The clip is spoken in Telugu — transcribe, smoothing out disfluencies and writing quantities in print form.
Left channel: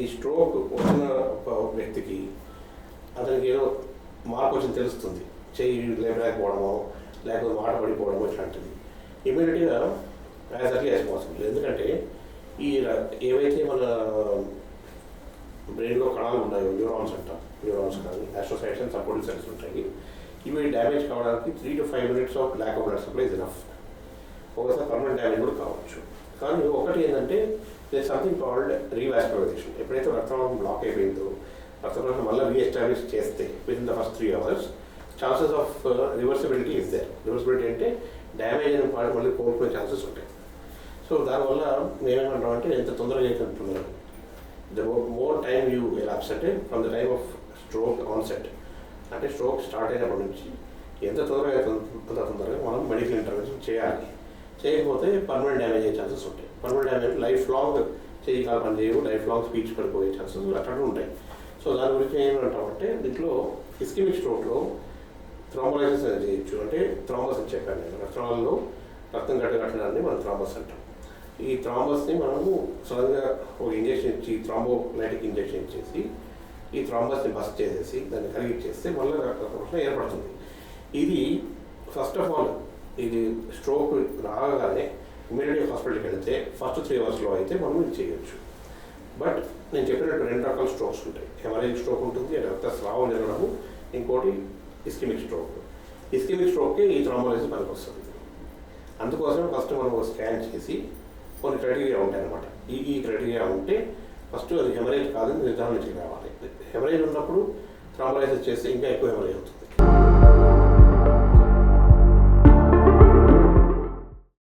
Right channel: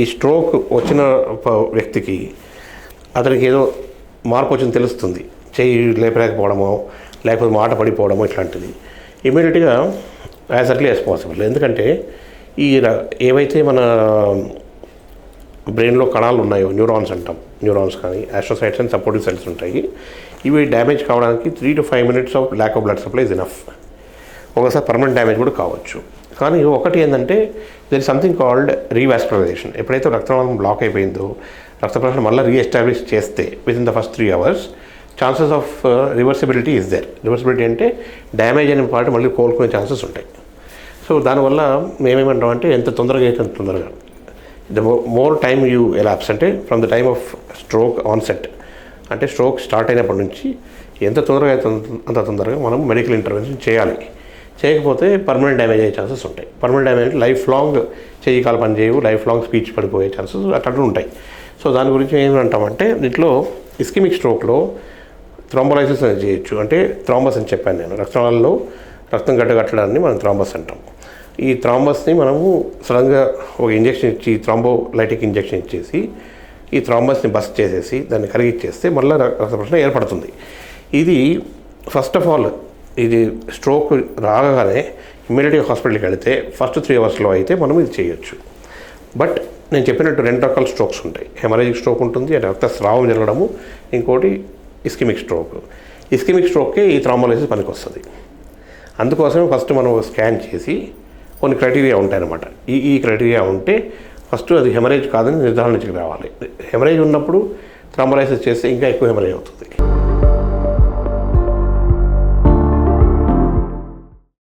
ఈ స్ట్రోక్ వచ్చిన వ్యక్తికి అతనికి ఏదో మార్పు వచ్చింది తెలుస్తుంది, చెయ్యి లేపలేకపోవడమో లేకపోతే మాట పడిపోవడమో ఇట్లాంటిది ఇమీడియట్గా యాజ్ ఎర్లీ యాజ్ పాసిబుల్. ఎందుకంటే ఈ ఏవైతే మన బ్రెయిన్లో కణాలు ఉన్నాయో న్యూరాన్స్ అంటాం, న్యూరాన్స్ కానీ ఆస్ట్రోసైట్స్ అండ్ సపోర్టివ్ సెల్స్ ఉంటాయి. ఇవి డ్యామేజ్ కావడానికి 3 to 5 minutes of lack of blood supply is enough. ఒకసారి పర్మనెంట్ డ్యామేజ్ కూడా కావచ్చు. కానీ ఒకటి ఏంటంటే there is something called revascularisation. ఎప్పుడైతే రక్తనాళం బ్లాక్ అయిపోయిందో రక్త ప్రసరణ మళ్ళీ రీఎస్టాబ్లిష్ చేస్తే within the first 3 hours chances of reversibility is there. Reversibility అంటే డ్యామేజ్ అయిన పార్ట్ మళ్ళీ కోలుకునే ఛాన్సెస్ ఉంటాయి. సో దానివల్ల మేమేమంటామంటే ఎంత తొందరగా అయితే అంత తొందరగా the more time you elapse అంటే from the time of stroke onset అంటే స్ట్రోక్ స్టార్ట్ అయినప్పటి నుంచి ఎంత తొందరగా అయితే అంత తొందరగా మనం మెడికల్ ఇంటర్వెన్షన్ చేయాలి. చేయకపోతే పర్మనెంట్ డ్యామేజ్ అయ్యే ఛాన్సెస్ ఉంటాయి. పర్మనెంట్ డ్యామేజ్ లైఫ్ లాంగ్ చెయ్యి కాలు పని చేయవు, లైఫ్ లాంగ్ స్పీచ్ పడిపోయే ఛాన్సెస్ అట్లా ఉంటాయి. సో దాని గురించి ఏమంటామంటే దీంట్లో ఇస్కెమిక్ స్ట్రోక్లో థ్రాంబోలైసిస్ అనేది చేయొచ్చు. అంటే థ్రాంబస్ అని చెప్పాను నేను, రక్తనాళాల్లో రక్తం గడ్డగట్టడాన్ని మనం థ్రాంబస్ అంటాం. ఈ థ్రాంబస్ని మనము సడన్గా ఒక ఇంజెక్షన్ ఇచ్చి థ్రాంబోలైటిక్ ఇంజెక్షన్ ఇచ్చేసి ఈ థ్రాంబస్ని బస్ట్ చేసేసి దాన్ని కరిగిచ్చేస్తే మళ్ళీ రక్త ప్రసరణ ఏర్పడుతుంది. ఇది ఫస్ట్ ఆఫ్ ఆల్ ఇది స్ట్రోక్ రాగానే ఇమ్మీడియట్గా హాస్పిటల్కి వెళితే ఫస్ట్ 3 hours అయితే మనం ఇది చేయొచ్చు. బట్ నేను చెప్పినట్టు 2 రకాల స్ట్రోక్స్ ఉంటాయి. హెమరేజిక్ స్ట్రోక్ ఉంటుంది, అంటే రక్తస్రావం జరగడము, ఇంకోటి ఇస్కెమిక్ స్ట్రోక్. ఇస్కెమిక్ స్ట్రోక్కే ఈ థ్రాంబోలైసిస్ పనికి వస్తుంది. అందుకోసమే ఫస్ట్ మనం స్కాన్ చేసి కొన్ని క్రైటీరియా ఉంటాయన్నమాట. ఈ క్రైటీరియా ఉంటే ఫస్ట్ అది హెమరేజ్ కాదని నిర్ధారణకి రావాలి. హెమరేజ్ ఉన్నప్పుడు థ్రాంబోలైసిస్ చేస్తే ఇంకా ఎక్కువ హెమరేజ్ అవుతుంది.